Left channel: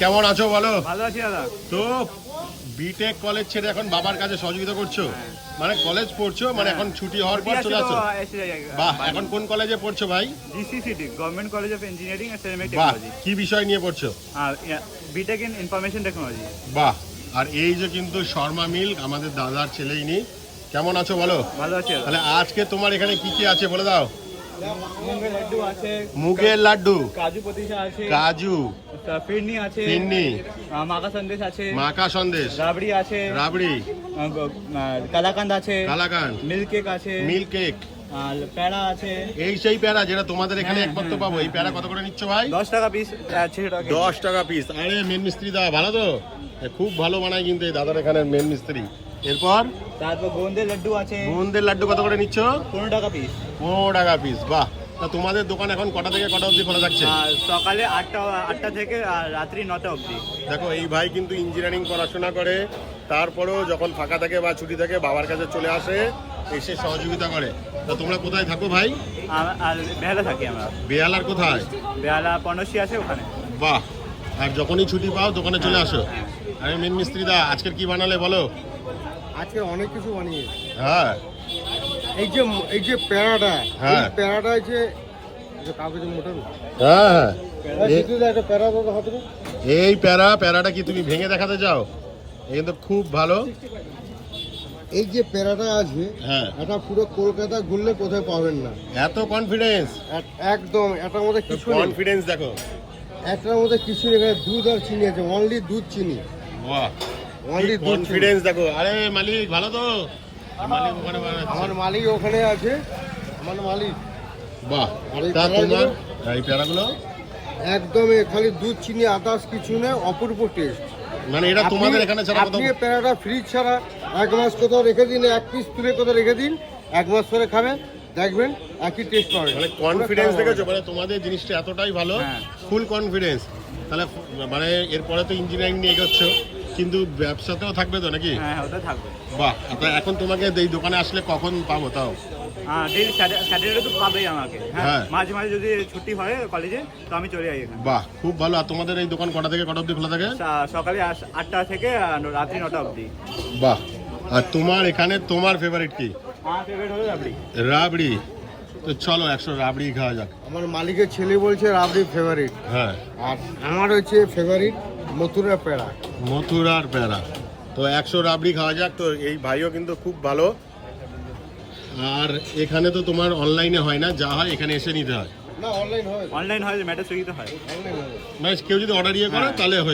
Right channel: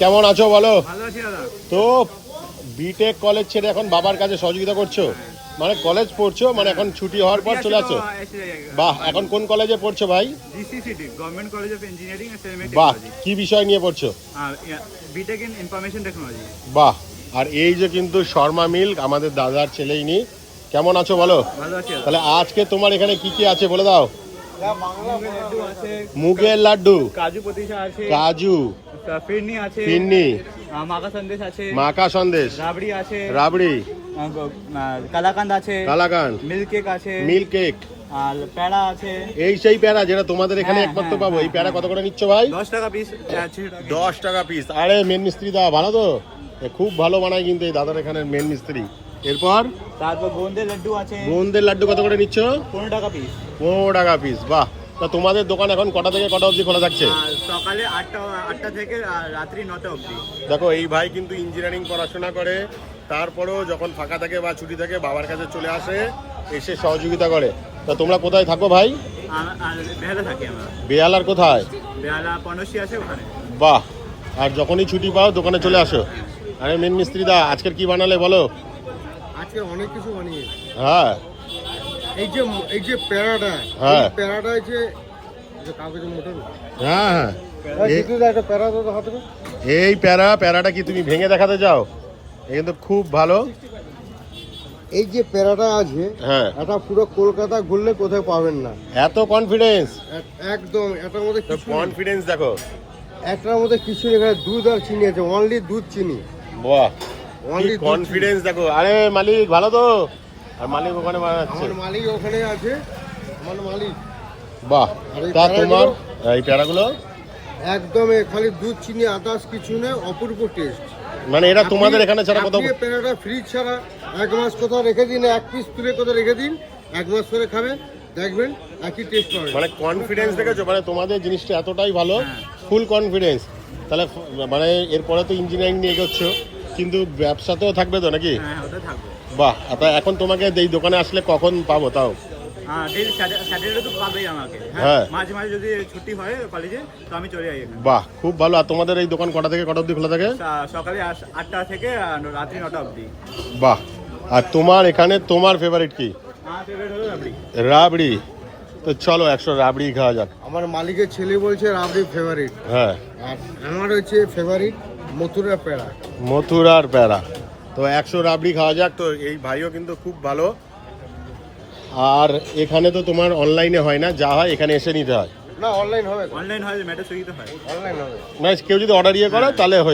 কেমন আছো বলো? ভালো আছি দাদা। তো বিটেক কলেজ ছেড়ে এখন বাবার কাছে সহযোগিতা করছো, মানে কলেজ পড়ছো, মানে এখন ছুটি হওয়ার পর চলে আসছো। বাহ, এখন কোন কলেজে পড়ছো ভাই? GCCT government college of engineering and system বাহ, টেকনোলজি। কি বিষয় নিয়ে পড়ছো? BTech in information technology. বাহ, আর এই যে কিন্তু শর্মা মিল্ক আমাদের দাদার ছেলেই নি। কেমন আছো বলো? ভালো আছি দাদা। তাহলে আজকে তোমার এখানে কি কি আছে বলে দাও। মুগের লাড্ডু আছে, মুগের লাড্ডু, কাজু পতিসা আছে, কাজু, ফিরনি আছে, ফিরনি, মাকা সন্দেশ আছে, মাকা সন্দেশ, রাবড়ি আছে, রাবড়ি, কালাকান্দ আছে, কালাকান্দ, মিল্ক কেক আছে, মিল্ক কেক, আর প্যাড়া আছে। এই সেই প্যারা যেটা তোমাদের এখানে হ্যাঁ, একমাত্র হ্যাঁ, পাবো। এই প্যারা কত করে নিচ্ছ ভাই? 10 টাকা পিস আছে। 10 টাকা পিস। আরে মেন মিস্ত্রি দা ভালো তো, খুব ভালো বানায় কিন্তু এই দাদার এখানে মেন মিস্ত্রি। এরপর তারপর গোন্দের লাড্ডু আছে, গোন্দের লাড্ডু কত করে নিচ্ছ? 15 টাকা পিস। 15 টাকা পিস। বাহ, তা তোমাদের দোকান এখন কটা থেকে কটা অবধি খোলা থাকছে? আর সকালে 8টা থেকে আর রাত্রি 9টা অবধি। দেখো এই ভাই কিন্তু ইঞ্জিনিয়ারিং পড়াশোনা করে, তারপরেও যখন ফাঁকা থাকে বা ছুটি থাকে বাবার কাছে চলে আসে, এসে সহযোগিতা করে। তা তোমরা কোথায় থাকো ভাই? আর বেহালা থাকি আমরা। বেহালার কোথায়? বেহালা পনসি আছে ওখানে। বাহ, আর যখনই ছুটি পাও দোকানে চলে আসো। আরে মেন মিস্ত্রি দা আজকের কি বানালে বলো? আজকে অনেক কিছু বানিয়ে। হ্যাঁ, এই যে প্যারাটা, হ্যাঁ। এই প্যারাটা যে কাগজের মোটর। হ্যাঁ হ্যাঁ, একটা প্যারা দাদা হাতে দাও। এই প্যারাটা কি তুমি ভেঙে দেখাতে চাও? এই কিন্তু খুব ভালো। এই যে প্যারাটা আছে, হ্যাঁ, এটা পুরো কলকাতা ঘুরলে কোথায় পাবেন না। এত কনফিডেন্স, একদম এটার মধ্যে কিছু নেই। কনফিডেন্স দেখো। এটার মধ্যে কিছু নেই, এখানে দুধ আর চিনি আছে, অনলি দুধ চিনি, বাহ, অনলি কনফিডেন্স দেখো। আরে মালিক ভালো তো? আর মালিক ওখানে আমার মালিক ওখানে আছে, আমার মালিক। বাহ, আর এই তা প্যারাগুলো? তোমার এই প্যারাগুলো একদম খালি দুধ চিনি, আদার্স কিছু নেই, অপূর্ব টেস্ট। মানে এটা তোমাদের এখানে ছাড়া কোথাও? আপনি প্যারাটা ফ্রিজ ছাড়া 1 মাস কোথাও রেখে দিন, 1 পিস তুলে কোথাও রেখে দিন, 1 মাস পরে খাবেন, দেখবেন একই টেস্ট পাবেন। মানে কনফিডেন্স দেখেছো, মানে তোমাদের জিনিসটা এতটাই ভালো, হ্যাঁ। Full confidence. তাহলে মানে এরপরে তো ইঞ্জিনিয়ারিং নিয়ে এগোচ্ছো, কিন্তু ব্যবসাতেও থাকবে তো নাকি? হ্যাঁ, ওটা থাকবে। বাহ, তা এখন তোমাকে এই দোকানে আসলে কখন পাবো তাও? ডেলি স্যাটারডে তো পাবেই আমাকে। হ্যাঁ। হ্যাঁ, মাঝে মাঝে যদি ছুটি হয় কলেজে তো আমি চলে যাই এখানে। বাহ, খুব ভালো। আর তোমাদের এই দোকান কটা থেকে কটা অবধি খোলা থাকে? সকালে 8টা থেকে রাত্রি 9টা অবধি। বাহ, আর তোমার এখানে তোমার ফেভারিট কি? আমার ফেভারিট হলো রাবড়ি। রাবড়ি। তো চলো 100 রাবড়ি খাওয়া যাক। আমার মালিকের ছেলে বলছে রাবড়ি ফেভারিট, হ্যাঁ, আর আমার হচ্ছে ফেভারিট মথুরা পেড়া। মথুরার প্যারা। তো 100 রাবড়ি খাওয়া যাক। তো এই ভাইও কিন্তু খুব ভালো। আর এখানে তো তোমার অনলাইনে হয় না, যা হয় এখানে এসে নিতে হয়। না, অনলাইন হবে, অনলাইন হয়, মেটা সুইগিতে হয়। অনলাইন হবে। মানে কেউ যদি অর্ডার ইয়ে করে তাহলে হয়।